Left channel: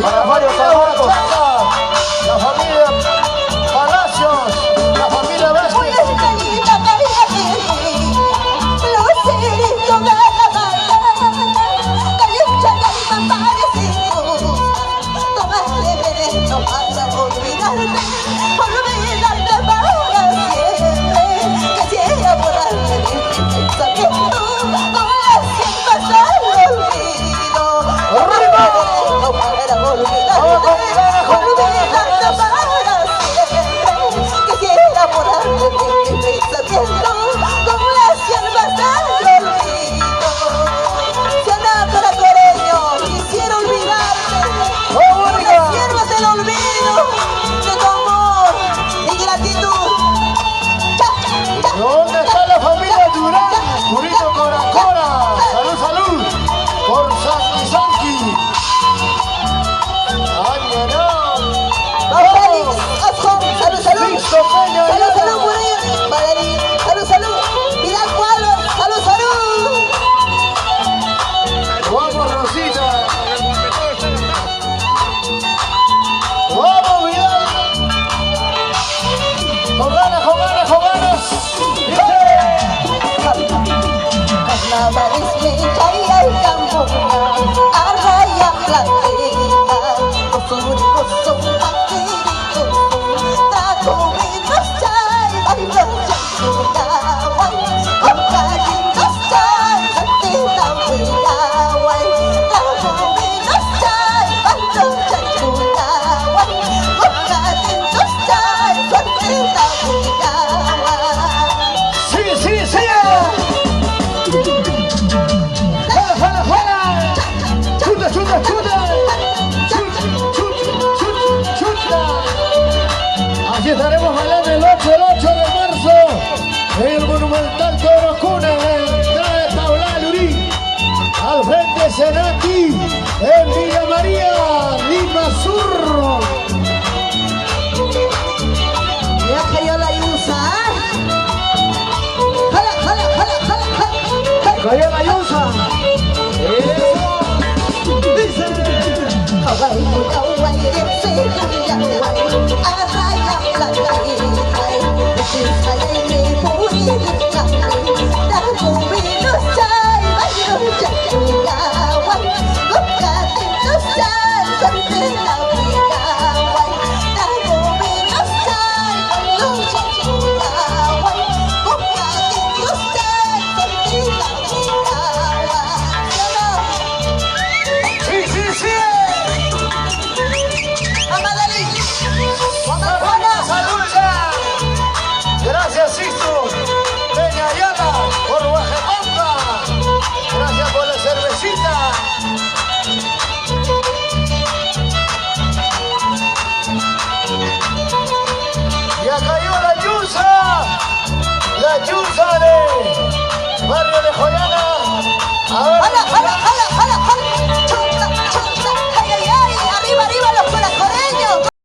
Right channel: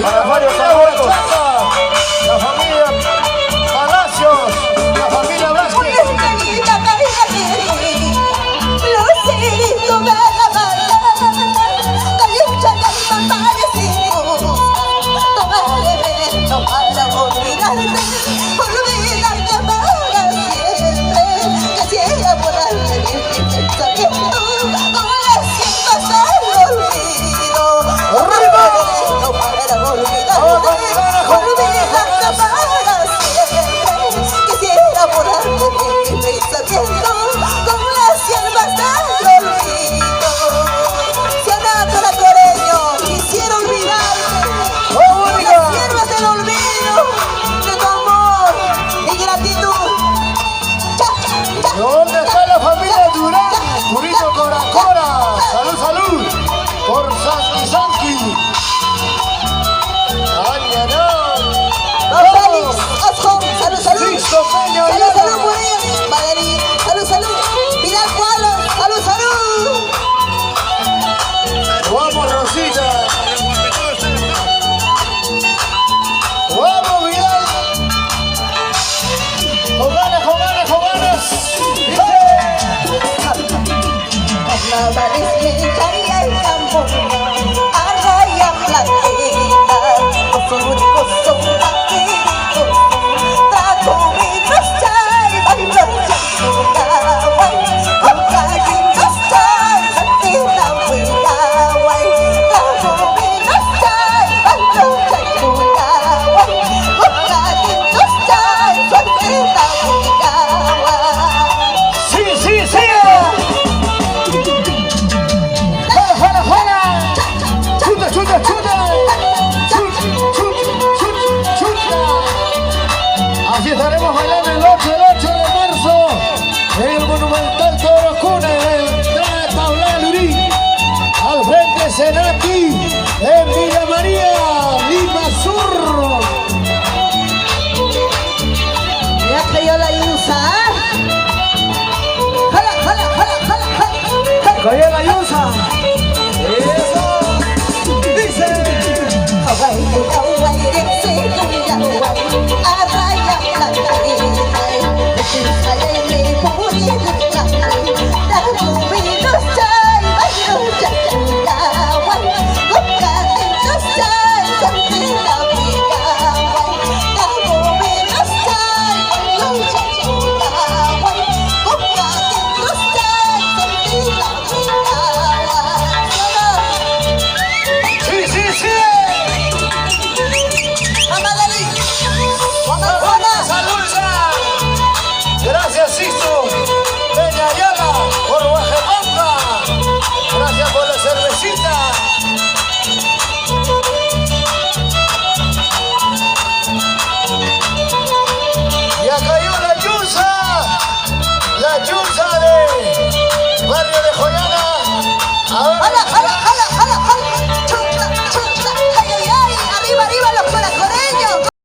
la familia Borchaca, la familia Palacios, la familia Vázquez. ¿Dónde está la familia Durán? Purito Coracora. Salud, salud. Por Santi Santi. ¡Ay, ay, ay! Salud, salud. Listo, coño, Salud, salud, por ellos. Madrid. Salud, salud. Pilar Cuadros. Salud, salud. Vamos, Rosita. Vamos, Vidal. Con ganas, con ganas, con ganas. Sí, sí, sí. Jala, jala. Chuta, chuta, chuta. Chuta, chuta, chuta, chuta. Así estaremos bailando el 8 de marzo en el Monumental Toro Cuna, en entrada de Tabla Lurí, al frente de Senati, en Villa María, Lima Sur. Ya cayó la luz, ¿ah? Jala, jala, jala, jala, jala. Cayó la Yusa.